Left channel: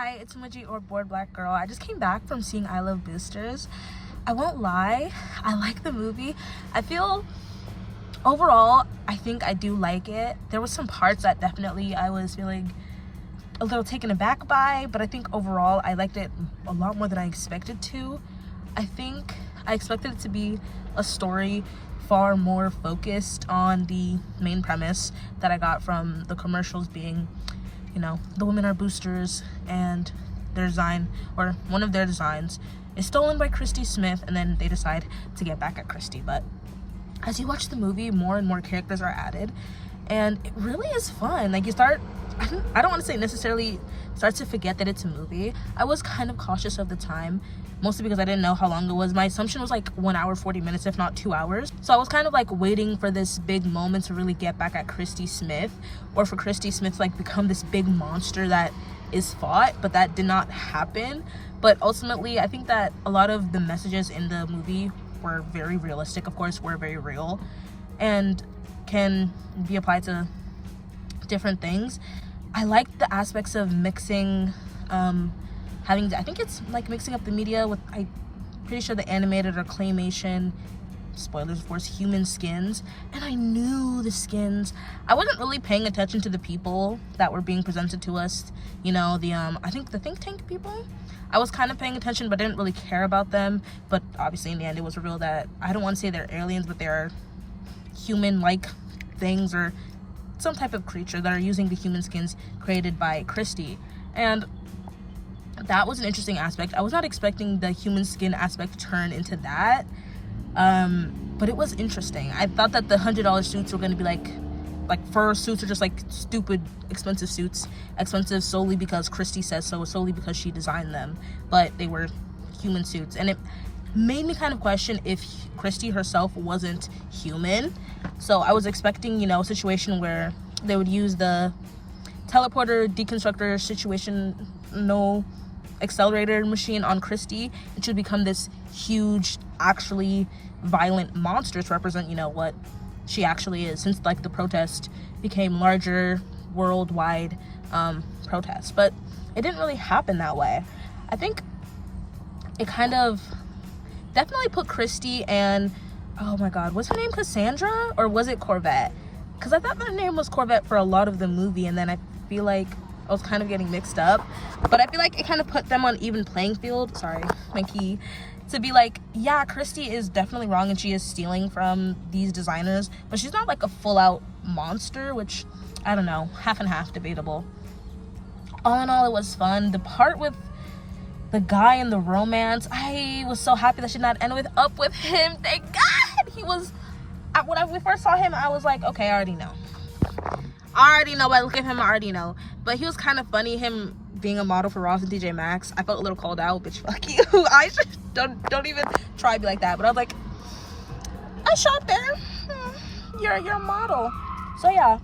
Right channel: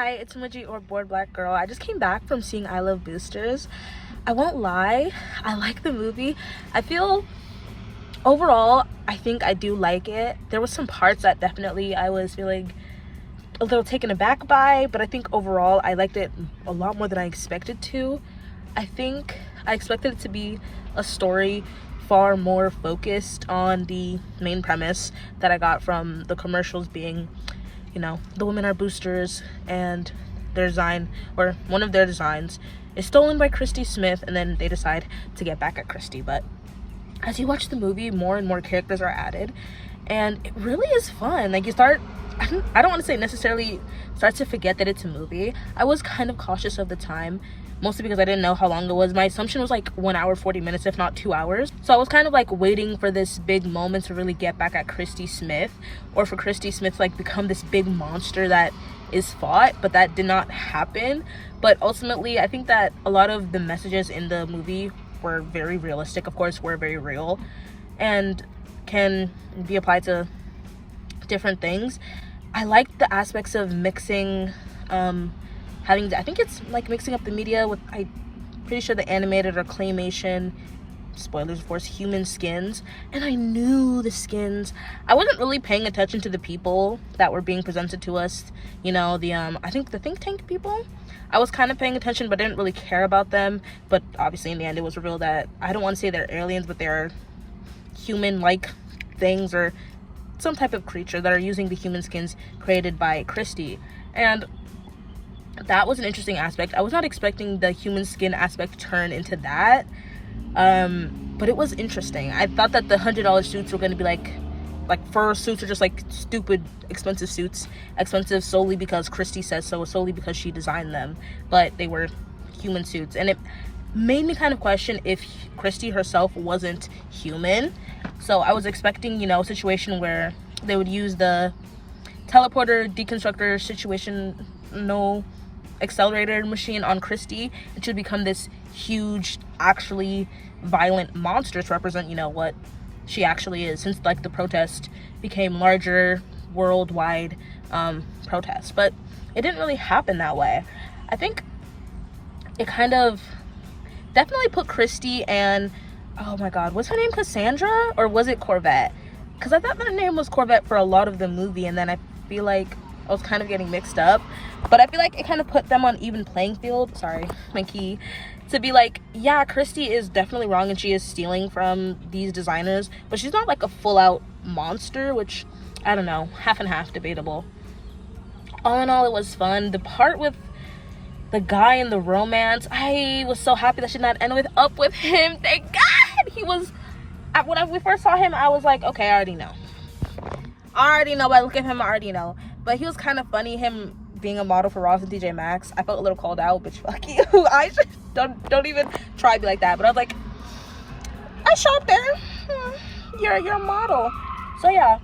Hi, it's Muji or Bored Black Girl. I just came back from seeing I Love Boosters. I won't lie, I like the movie. I feel overall, I think I do like it. There were some parts that definitely I was feeling a little taken aback by, but I think overall I liked it a lot more than I expected to. I think I expected it to be a story far more focused on the main premise that I got from the commercials being, you know, the women are boosters and their design, or one of their designs, is stolen by Christy Smith, and then they decide to get back at Christy. But as you watch the movie, more and more characters are added, and it really is fun. Like, you start, I don't want to say necessarily start to forget that it's a movie. I was kind of cautious of the time, mostly because I didn't know how long it was. My assumption was like 1 hour 40 minutes, if not 2 hours. So I was kind of like waiting for this big moment to really get back at Christy Smith, or for Christy Smith to like become this big monster that is fought, but that did not happen. But ultimately, I think that a lot of the messages in the movie were very realistic, of course, were very real, and can be applied to different things. I like the aspects of mixing, I think it's like mixing up the media with, I'm pretty sure, the animated or claymation, spoilers of course, human skins. And I knew the skins. I wasn't really paying attention to the people that were being presented to us, you know, the I think the think tank people. I was kind of paying attention, but didn't really care about them. But obviously in the end it was revealed that, I don't want to say they're aliens, but they're human-like things or some type of creature that are using the human skins created by Christy. And that was an interesting aspect. I was not expecting the human skin aspect to turn into that, but it was interesting. I thought that the $100 suits were going to be like fur suits, or just like stupid expensive suits, expensive solely because Christy says so, solely because she designed them, but they were human suits. And it made me kind of question if Christy herself wasn't human. So I was expecting, you know, a situation where they would use the teleporter deconstructor situation, no accelerator machine on Christy, it should become this huge, actually violent monster to represent, you know, what she actually is, since like the protest became larger worldwide protest. But it didn't really happen that way. I think it kind of definitely put Christy and, oh my god, what's her name, Cassandra, or was it Corvette? Because I thought her name was Corvette for a lot of the movie, and then I feel like I was kind of getting mixed up. But I feel like it kind of put them on even playing field, sorry, my key, to be like, yeah, Christy is definitely wrong and she is stealing from these designers, but she's not like a full-out monster, which, I don't know, half and half, debatable. All in all, it was fun. The part with the guy in the romance, I was so happy that she did not end up with him. Thank God! He was, when we first saw him, I was like, okay, I already know. But I look at him, I already know. But he was kind of funny, him being a model for Ross and TJ Maxx. I felt a little called out, bitch, fuck you. I just don't even try to be like that. But I was like, I shot there. You're a model. So yeah,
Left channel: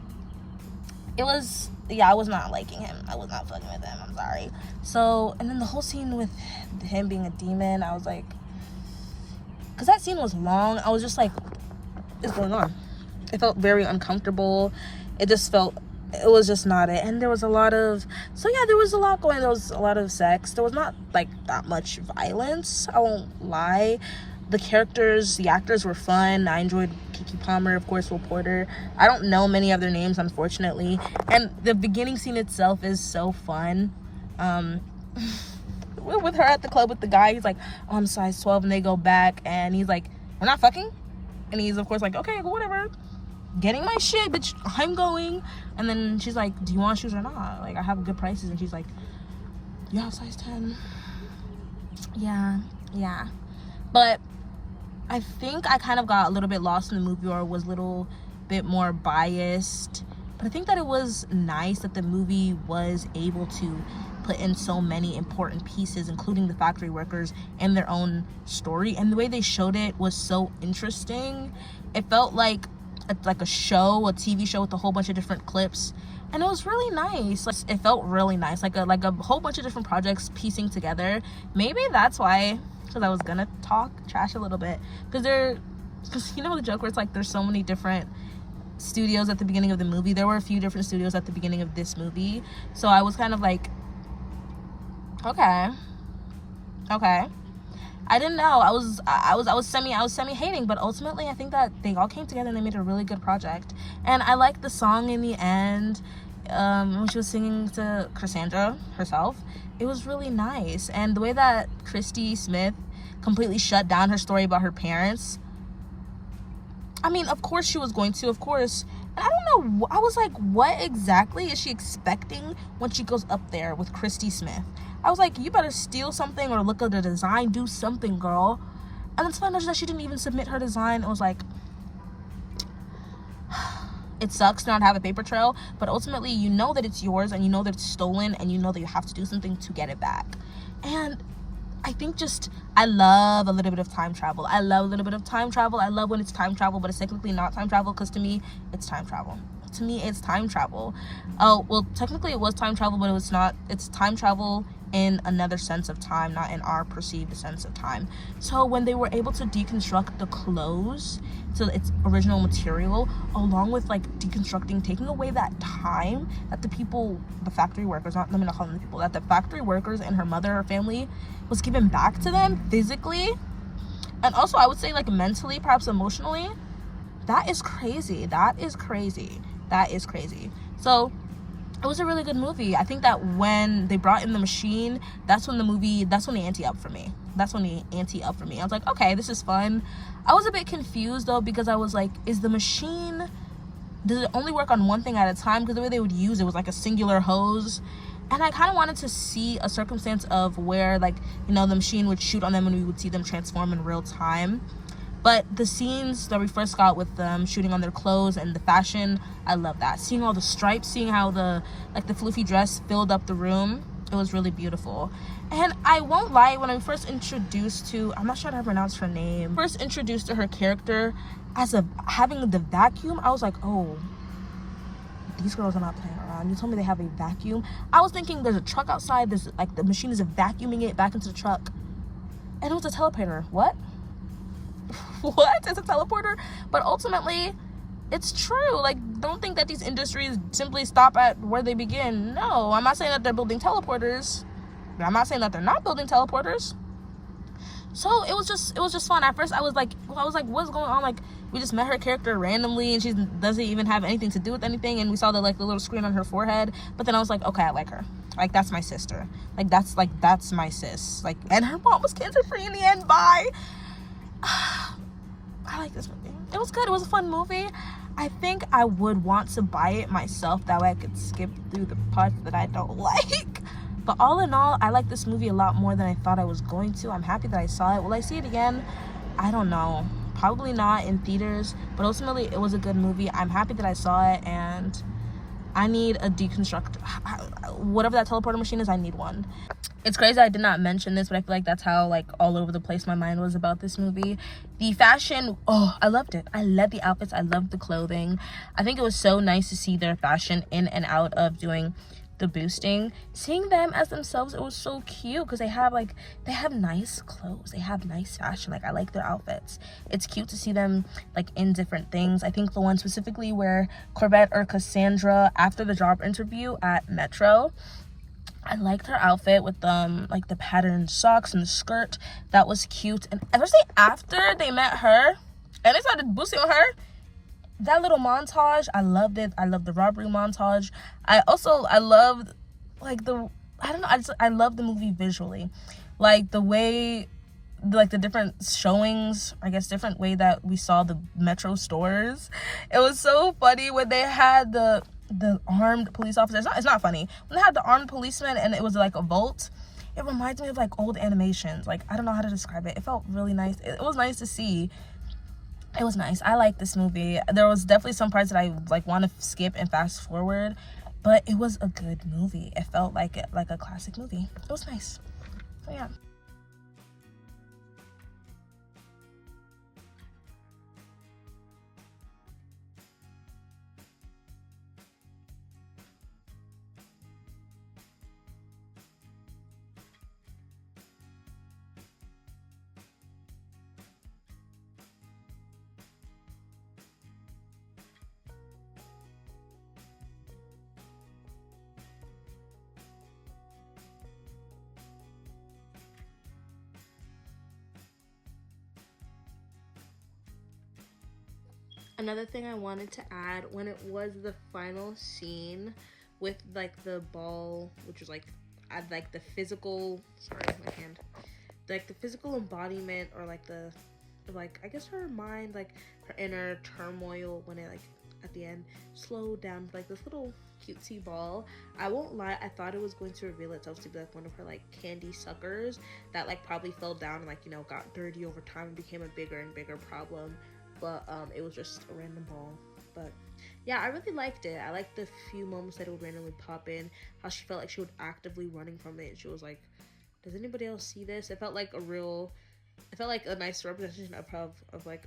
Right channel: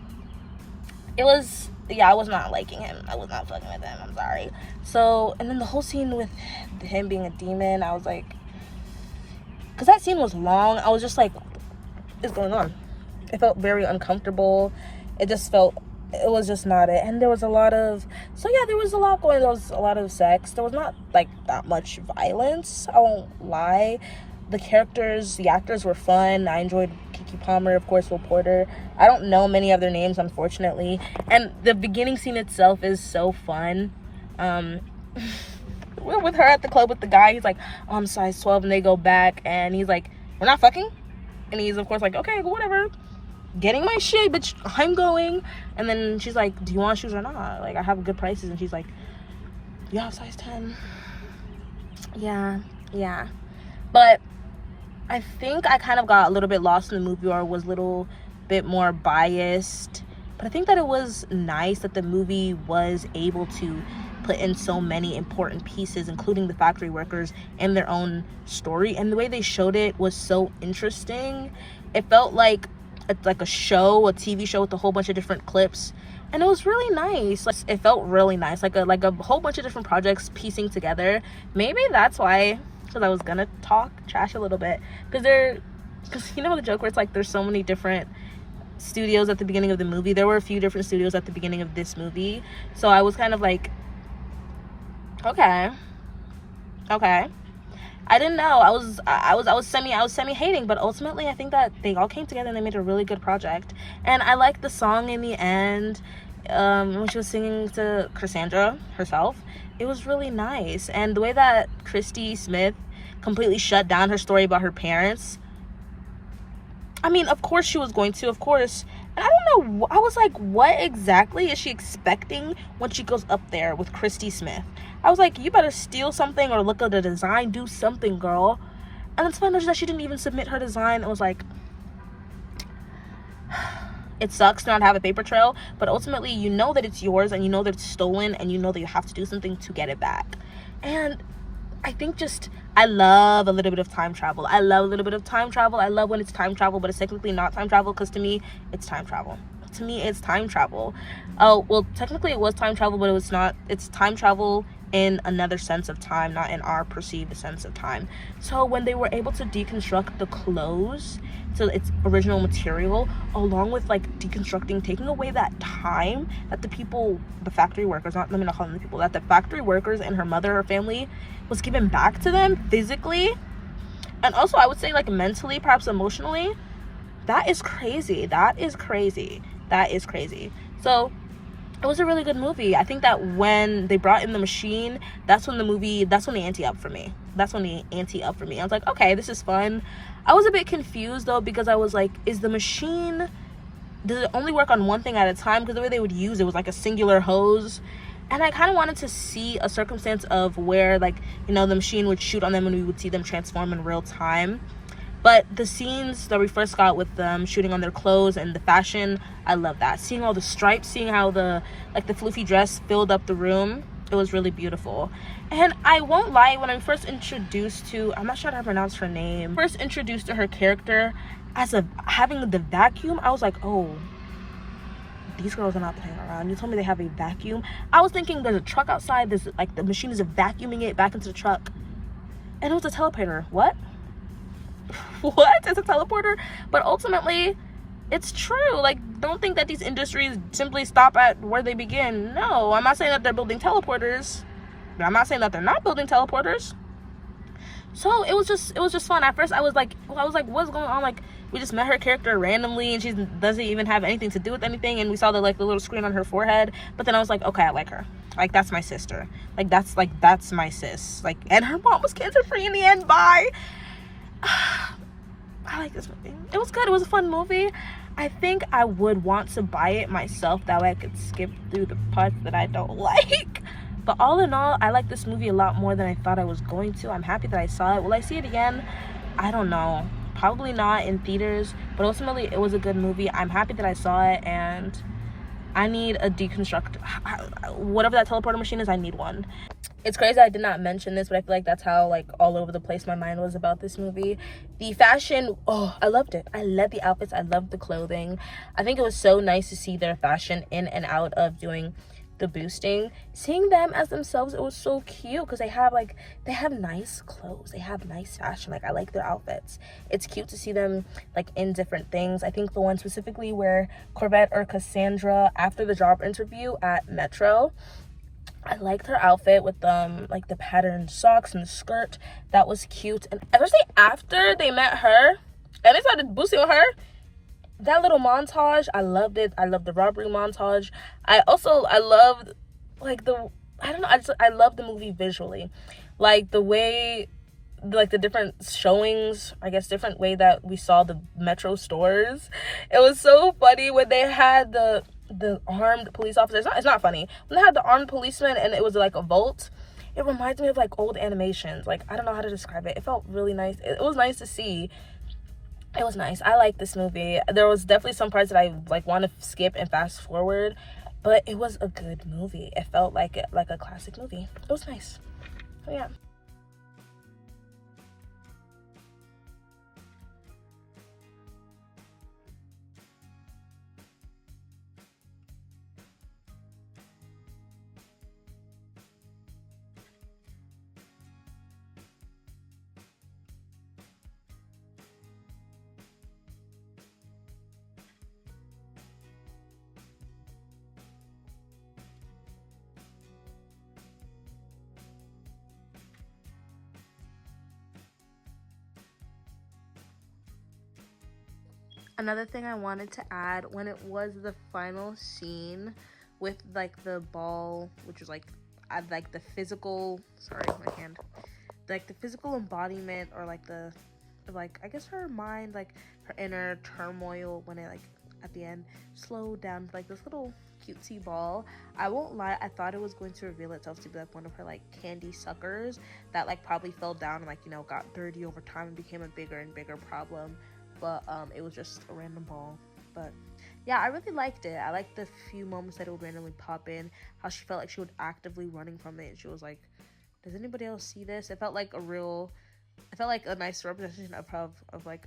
I was not liking him. I was not fucking with him, I'm sorry. So, and then the whole scene with him being a demon, I was like, because that scene was long, I was just like, what's going on? It felt very uncomfortable. It was just not it. And there was a lot of, there was a lot going. There was a lot of sex. There was not like that much violence, I won't lie. The characters, the actors were fun. I enjoyed Keke Palmer, of course, Will Poulter. I don't know many of their names, unfortunately. And the beginning scene itself is so fun. We're with her at the club with the guy. He's like, oh, I'm size 12, and they go back, and he's like, we're not fucking? And he's, of course, like, okay, whatever. Getting my shit, bitch, I'm going. And then she's like, do you want shoes or not? Like, I have good prices. And she's like, yeah, size 10. Yeah. But I think I kind of got a little bit lost in the movie, or was a little bit more biased. But I think that it was nice that the movie was able to put in so many important pieces, including the factory workers and their own story. And the way they showed it was so interesting. It felt like a TV show with a whole bunch of different clips, and it was really nice. Like, it felt really nice, like a whole bunch of different projects piecing together. Maybe that's why, because I was gonna talk trash a little bit, because you know the joke where it's like there's so many different studios at the beginning of the movie. There were a few different studios at the beginning of this movie, so I was kind of like Okay. Okay. I didn't know. I was semi hating, but ultimately I think that they all came together and they made a really good project. And I liked the song in the end, when she was singing to Cassandra herself. It was really nice. And the way that Christy Smith completely shut down her story about her parents. I mean, of course she was going to, of course. And I don't know, I was like, what exactly is she expecting when she goes up there with Christy Smith? I was like, you better steal something or look at the design, do something, girl. And it's funny that she didn't even submit her design. It was like, it sucks to not have a paper trail, but ultimately you know that it's yours and you know that it's stolen and you know that you have to do something to get it back. And I think I love a little bit of time travel. I love a little bit of time travel. I love when it's time travel, but it's technically not time travel, because to me, it's time travel. To me, it's time travel. Oh, well, technically it was time travel, but it was not. It's time travel in another sense of time, not in our perceived sense of time. So when they were able to deconstruct the clothes to its original material, along with like deconstructing, taking away that time that the factory workers, let me not call them the people, that the factory workers and her mother, her family, was given back to them physically, and also I would say like mentally, perhaps emotionally. That is crazy. So it was a really good movie. I think that when they brought in the machine, that's when the ante up for me. I was like, okay, this is fun. I was a bit confused though, because I was like, is the machine, does it only work on one thing at a time? Because the way they would use it was like a singular hose. And I kind of wanted to see a circumstance of where, like, you know, the machine would shoot on them and we would see them transform in real time. But the scenes that we first got with them shooting on their clothes and the fashion, I love that. Seeing all the stripes, seeing how the floofy dress filled up the room, it was really beautiful. And I won't lie, when I first introduced to, I'm not sure how to pronounce her name, first introduced to her character as having the vacuum, I was like, oh, these girls are not playing around. You told me they have a vacuum. I was thinking there's a truck outside, there's like the machine is vacuuming it back into the truck, and it was a teleporter. What? It's a teleporter? But ultimately it's true. Like, don't think that these industries simply stop at where they begin. No, I'm not saying that they're building teleporters, but I'm not saying that they're not building teleporters. So it was just fun. At first I was like, what's going on? Like, we just met her character randomly and she doesn't even have anything to do with anything, and we saw the little screen on her forehead. But then I was like, okay, I like her. Like, that's my sister. That's my sis. Like, and her mom was cancer free in the end. Bye. I like this movie. It was good. It was a fun movie. I think I would want to buy it myself, that way I could skip through the parts that I don't like. But all in all, I like this movie a lot more than I thought I was going to. I'm happy that I saw it. Will I see it again? I don't know. Probably not in theaters, but ultimately it was a good movie. I'm happy that I saw it, and I need a deconstruct. Whatever that teleporter machine is, I need one. It's crazy I did not mention this, but I feel like that's how like all over the place my mind was about this movie. The fashion, oh, I loved it. I loved the outfits. I loved the clothing. I think it was so nice to see their fashion in and out of doing the boosting. Seeing them as themselves, it was so cute, because they have nice clothes. They have nice fashion. Like, I like their outfits. It's cute to see them like in different things. I think the one specifically where Corbett or Cassandra, after the job interview at Metro, I liked her outfit with like the patterned socks and the skirt. That was cute. And especially after they met her and they started boosting on her, that little montage, I loved it. I loved the robbery montage. I loved like I love the movie visually. Like the way, like the different showings, I guess different way that we saw the Metro stores. It was so funny when they had the armed police officers. It's not funny. When they had the armed policeman and it was like a vault, it reminds me of like old animations. Like, I don't know how to describe it. It felt really nice. It was nice to see. It was nice. I like this movie. There was definitely some parts that I like want to skip and fast forward, but it was a good movie. It felt like a classic movie. It was nice. So yeah. Another thing I wanted to add, when it was the final scene with like the ball, which was like I like the physical, sorry, my hand, like the physical embodiment, or like the, like, I guess her mind, like her inner turmoil, when it like at the end slowed down to like this little cutesy ball. I won't lie, I thought it was going to reveal itself to be like one of her like candy suckers that like probably fell down and like, you know, got dirty over time and became a bigger and bigger problem. But it was just a random ball. But yeah, I really liked it. I liked the few moments that it would randomly pop in, how she felt like she was actively running from it. She was like, does anybody else see this? It felt like a nice representation of like,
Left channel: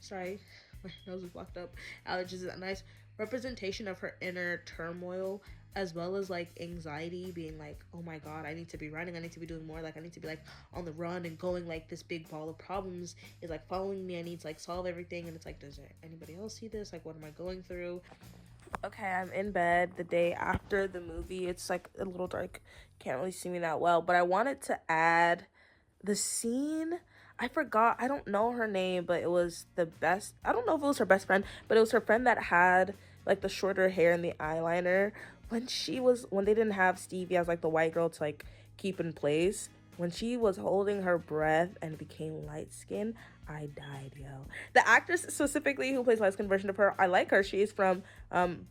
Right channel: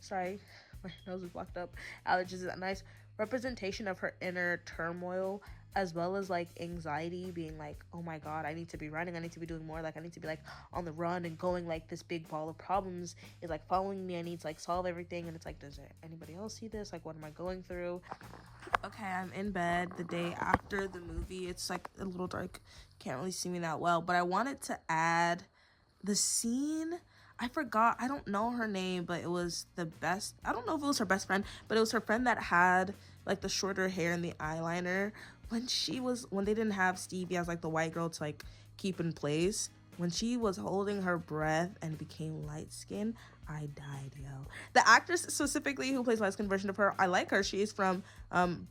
sorry, my nose is blocked up, allergies. A nice representation of her inner turmoil, as well as like anxiety, being like, oh my god, I need to be running, I need to be doing more, like I need to be like on the run and going, like this big ball of problems is like following me, I need to like solve everything. And it's like, does anybody else see this? Like, what am I going through? Okay, I'm in bed the day after the movie. It's like a little dark, can't really see me that well, but I wanted to add the scene. I forgot, I don't know her name, but it was I don't know if it was her best friend, but it was her friend that had like the shorter hair and the eyeliner. When they didn't have Stevie as like the white girl to like keep in place, when she was holding her breath and became light skinned, I died, yo. The actress specifically who plays light skinned version of her, I like her. She is from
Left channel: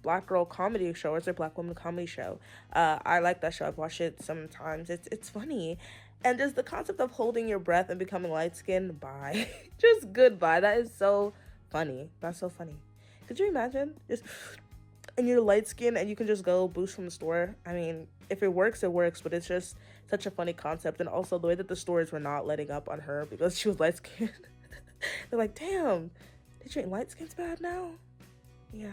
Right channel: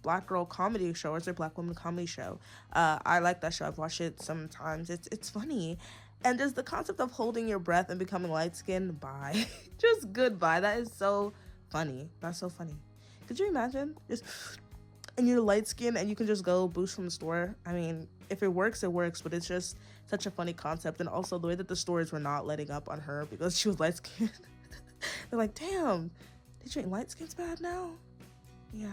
Black Girl Comedy Show, or it's a Black Woman Comedy Show. I like that show. I've watched it sometimes. It's funny. And just the concept of holding your breath and becoming light skinned, bye. Just goodbye. That is so funny. That's so funny. Could you imagine? Just, and you're light skinned and you can just go boost from the store. I mean, if it works, it works, but it's just such a funny concept. And also the way that the stores were not letting up on her because she was light skinned. They're like, damn, they treat light skins bad now? Yeah.